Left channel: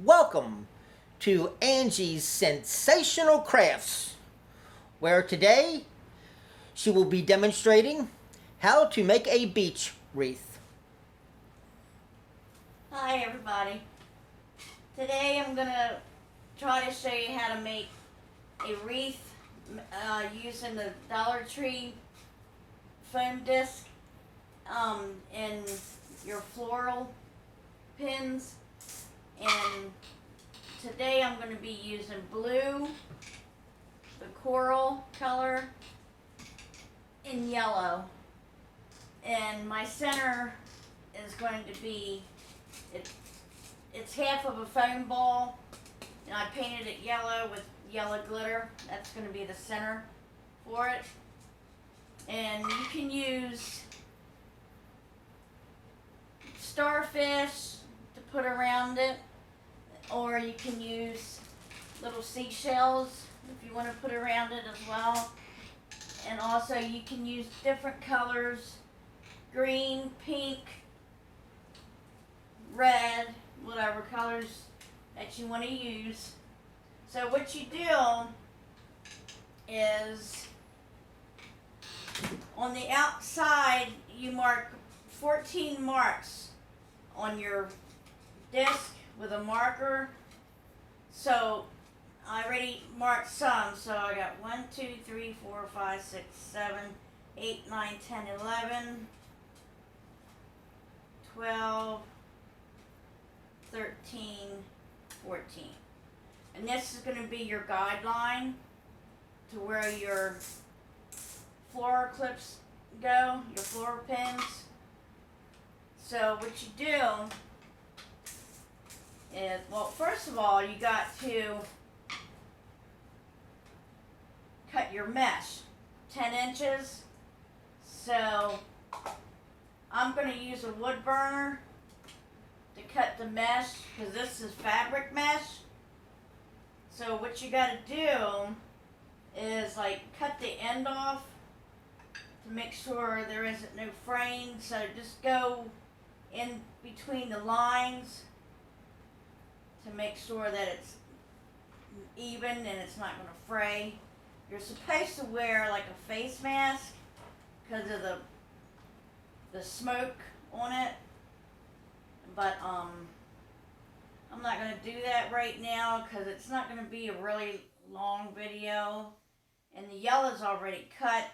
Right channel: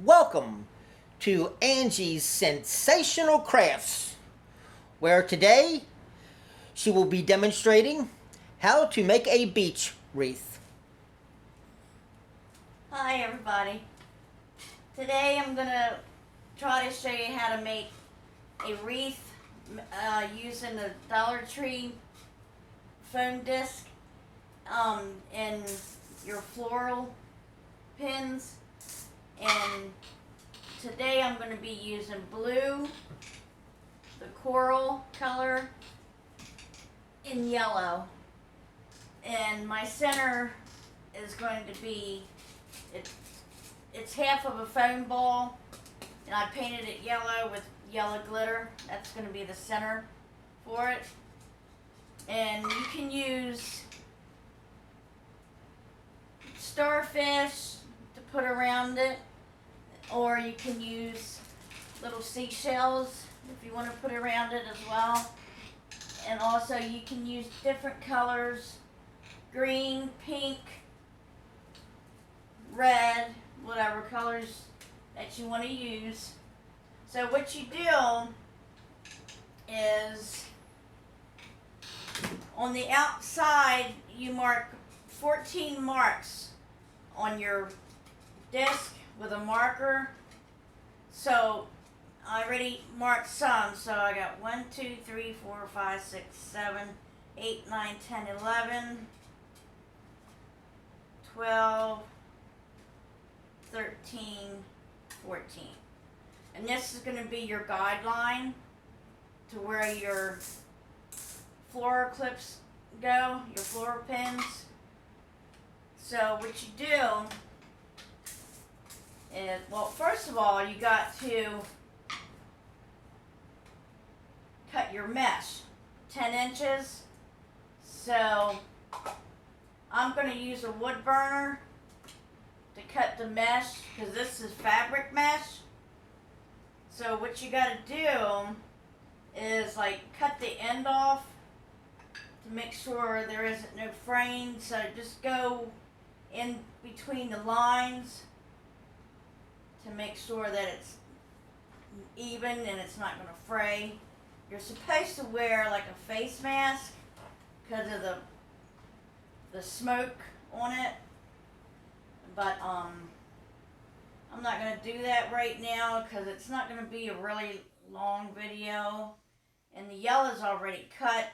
Welcome to Angie's Sensational Crafts, where today she will be demonstrating how to make a beach wreath. Hi everybody. Today I'm gonna try to show you how to make a wreath using the Dollar Tree foam disc and your floral pins. And today I'm going to be using blue, the coral color, and yellow. And my center is going to be, it's half of a foam ball, and I painted it yellow with yellow glitter. That's going to be the center for it. And you can use starfish to put around it, or you can use little seashells if you want to put around it as well. And also you can use different colors: green, pink, red, whatever colors that you want to use. So what you do is, on the outside you mark 14 marks on your disc with a marker. So I already marked some, so I got 1, 2, 3, 4, 5, 6, 7, 8, 9, 10, 11, 12, 13, 14. And this is going to be your guideline to where your floral clips go, your floral pins. So what you do is, well, first of all, you got to cut your mesh 10 inches. So I'm going to use a wood burner to cut the mesh, because this is fabric mesh. So what you got to do is cut the end off to make sure there isn't no fraying. So just go in between the lines to make sure that it's even and it's not going to fray. You're supposed to wear like a face mask because of the smoke on it, but I'm not going to do that right now because it's not going to be a really long video, and the yellow's already cut.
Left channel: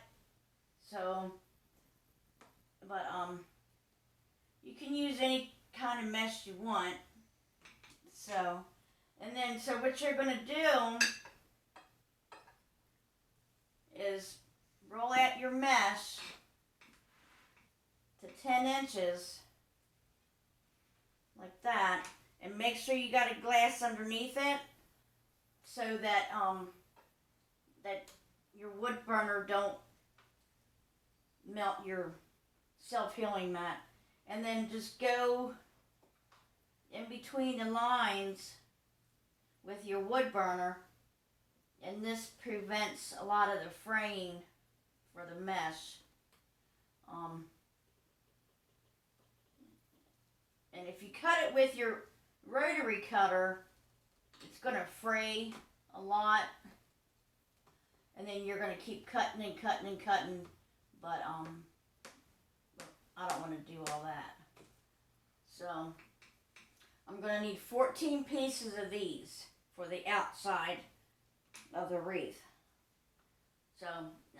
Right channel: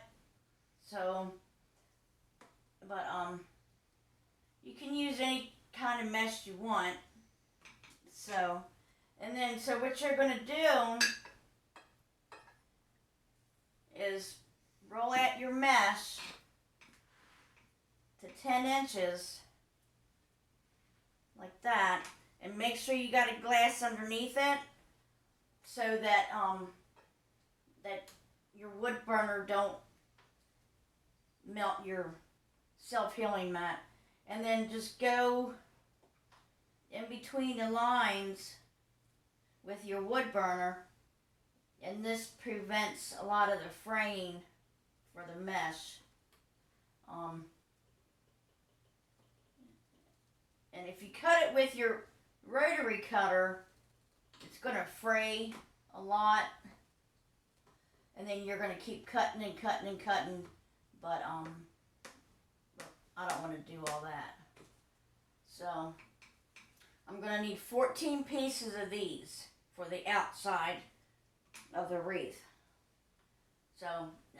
So, but you can use any kind of mesh you want. So, and then so what you're going to do is roll out your mesh to 10 inches like that, and make sure you got a glass underneath it so that that your wood burner don't melt your self-healing mat. And then just go in between the lines with your wood burner, and this prevents a lot of the fraying for the mesh. And if you cut it with your rotary cutter, it's going to fray a lot, and then you're going to keep cutting and cutting and cutting, but I don't want to do all that. So I'm going to need 14 pieces of these for the outside of the wreath. So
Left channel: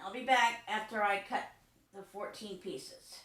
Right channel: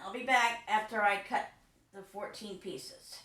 I'll be back after I cut the 14 pieces.